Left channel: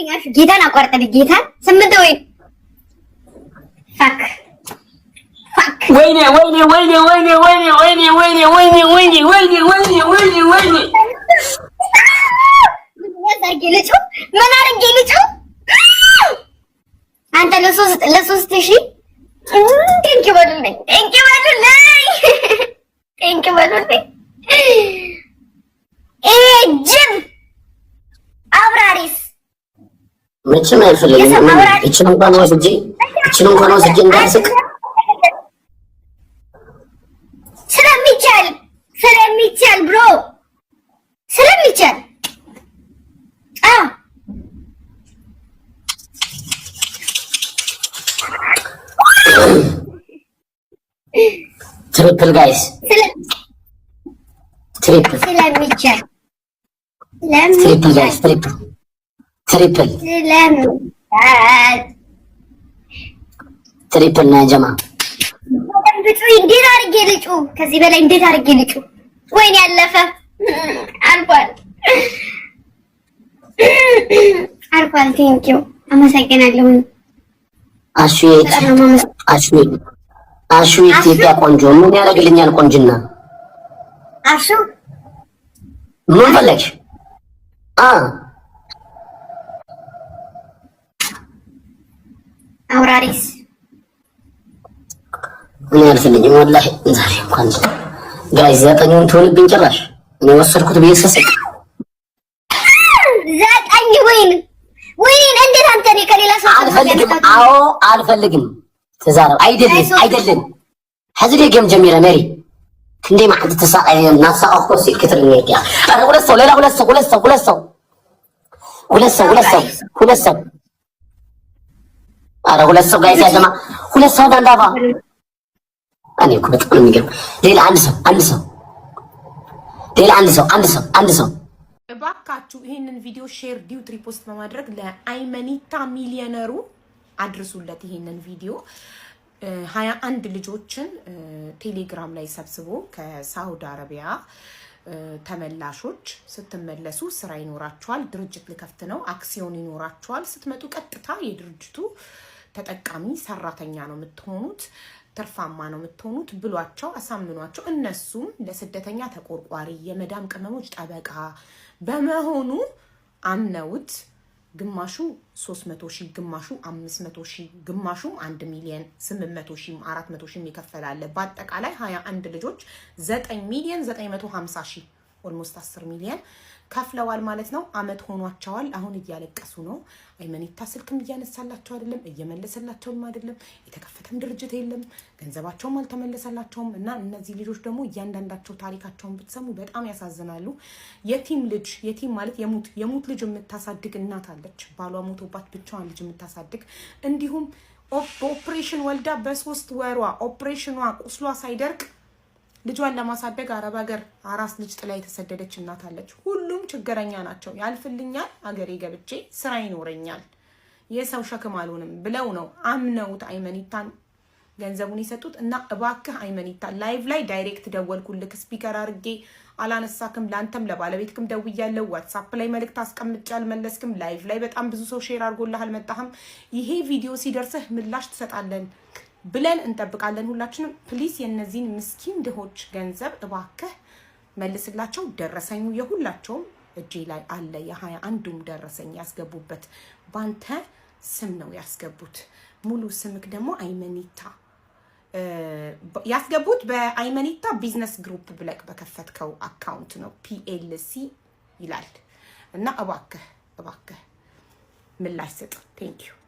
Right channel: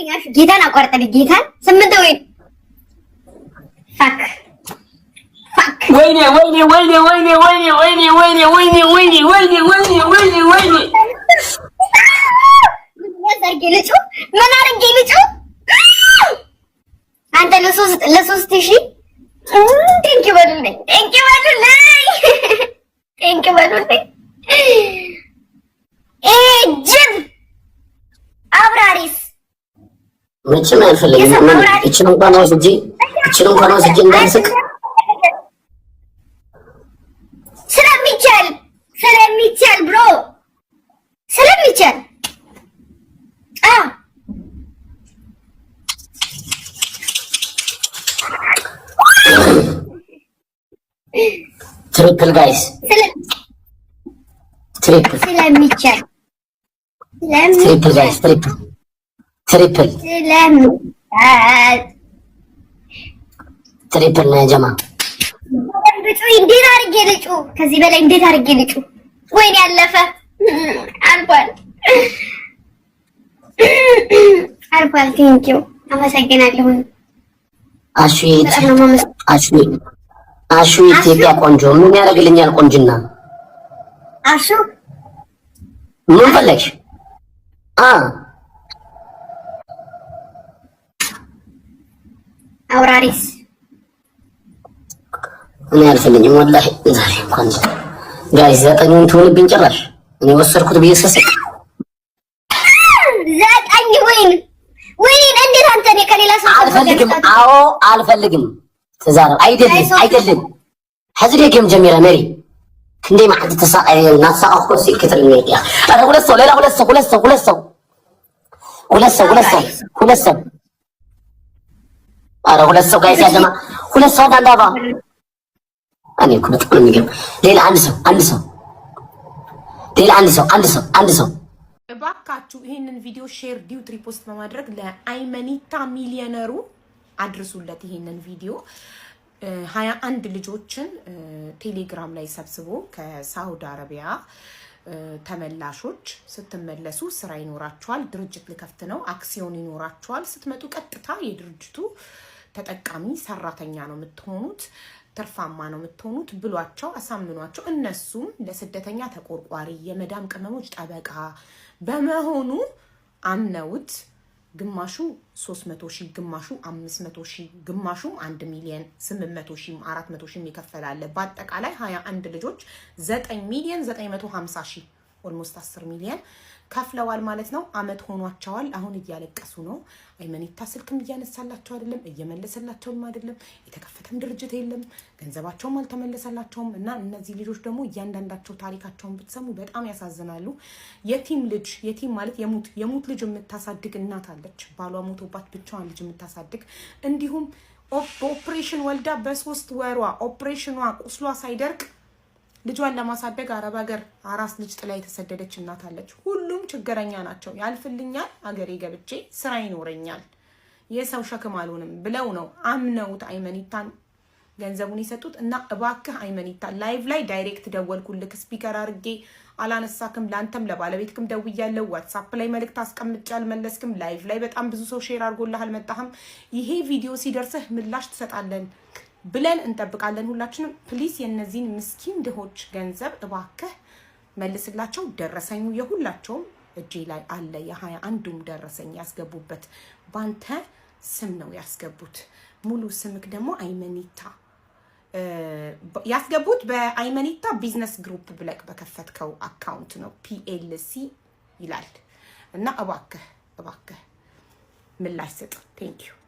አቋርጠልኝ ጌታን አቋርጠልኝ ጌታን ስምንት ወይ ፋክ ወይኔ ምን አድርጌ ልጨው አንተ ለሶስት ሺህ ቴንኪው በሉልኝ ጅብ አብራሪስ መቼም አይፈልግም። እቺን እንኳን ወስጄ እንዳልስቅ ስለሚቻል ብሮ ስለሚቻል ትሪፕል ጋይስ ስለሚቻል ትሪፕል ነው ጀማ እንዴት አድርጌ ልጩ ከዚህ በላይ እንዴት አድርጌ ልጩ ወይኔ ያለፈ አልፏል ቴንኪው አመሰግናለሁ አሹ ኢትዮጵያ ቆንጆ ምን ያደርግልኛል ቆንጅና አሹ ምን ፈለግሽ አውራሪስ ምን ያልፈልኝም ወላሂ ዛሬ እንኳን ጋይስ ዘጠኙን ትሆንብኝ ጭራሽ እኔ ወሰድኩት ብዬ ስስቅ ዘጠኝ ወይን እንዴት አንተ እኔ ከሌላ ሰው አልፈልግም ተዛረብ አይደለም حزري جيم جميلة ماري كندي ما حد تساقي ناساق أخو سيل كتر الميكيا أنا ولسه لا ولسه أنا ولسه جايز يا جماعة ولسه ده دابا أنا كنت أقول نجيب ليلة عندي سو እባካችሁ ይሄንን ቪዲዮ ሼር ዲዩት ሪፖስት በማድረግ ለአይመኒታ ሚሊዮነሩ አድርሱለት ይሄንን ቪዲዮ 21 ልጆችን ቴሌግራም ላይ ሰብስቦ ከሳውዲ አረቢያ ተመላሾች ስትመለሱ ስራ ይኖራቸዋል ድርጅት ልከፍት ነው አክሲዮን ይኖራቸዋል ስትመጡ ቀጥታ የድርጅቱ ተጠቃሚ ሰራተኛ ነው የምትሆኑት ተርፋማ ነው የምትሆኑት ብሏቸው አሳምኗቸው እነሱም ለስደተኛ ተቆርቋሪ የመዳም ቅመሞች ጠበቃ በመሆኑ አምነውት ግማሹ 300,000 ግማሹ 500,000 ግማሹ 1 ሚሊዮን 800,000 400,000 ይከፈላል በአጠቃላይ 21 ልጆች 9,950,000 ኦልሞስት 10 ሚሊዮን ከፍለዋል ማለት ነው አመት ሆኗቸዋል አሁን እያለቀሱ ነው አይመኒታ ስልክም እያነሳላቸው አይደለም እየመለሰላቸውም አይደለም የተከፈተም ድርጅት የለም ገንዘባቸውም አልተመለሰላቸውም እና እነዚህ ልጆች ደግሞ እያንዳንዳቸው ታሪካቸውን ብትሰሙ በጣም ያሳዝናሉ የቲም ማለት የሙት ልጅ የምታሳድግ እናት አለች ባሏ ሞቶባት ብቻዋን ልጅ የምታሳድግ እንዲሁም ኦፕሬሽን ወልዳ በ3 ወሯ ኦፕሬሽኗ ቁስሏ ሳይደርቅ ልጇን ለማሳደግ አረብ ሀገር አራስ ልጅ ጥላ የተሰደደች እናት አለች ሁሉም ችግረኛ ናቸው ያልፍልኛል አገሬ ገብቼ ስራ ይኖረኛል የሰው ሸክም አልሆንም ብለው ነው አምነውት አይመኒታን ገንዘቡን ይሰጡት እና እባክህ አይመኒታ ላይቭ ላይ ዳይሬክት ደወልኩልክ ስፒከር አርጌ አላነሳክም ላንተም ለባለቤትክም ደውያለሁ ዋትስአፕ ላይ መልእክት አስቀምጫል መለስክም ላይቭ ላይ በጣም ብዙ ሰው ሼር አድርጎልሃል መጣህም ይሄ ቪዲዮ ሲደርስህ ምላሽ ትሰጣለን ብለን እንጠብቃለን ሁላችንም ፕሊስ የነዚህን ምስኪን ድሆች ገንዘብ እባክህ መልስላቸው ደረሰኙ የሁላቸውም እጄ ላይ አለ የ21ዱም ደረሰኝ ያስገቡበት ባንተ ስም ነው ያስገቡት ሙሉ ስምክ ደግሞ አይመኒታ ያስገቡት በአይመኒታ ቢዝነስ ግሩፕ ብለክ በከፈትከው አካውንት ነው PLC ይላል እና እባክህ ምላሽ ስጥ ቴንክ ዩ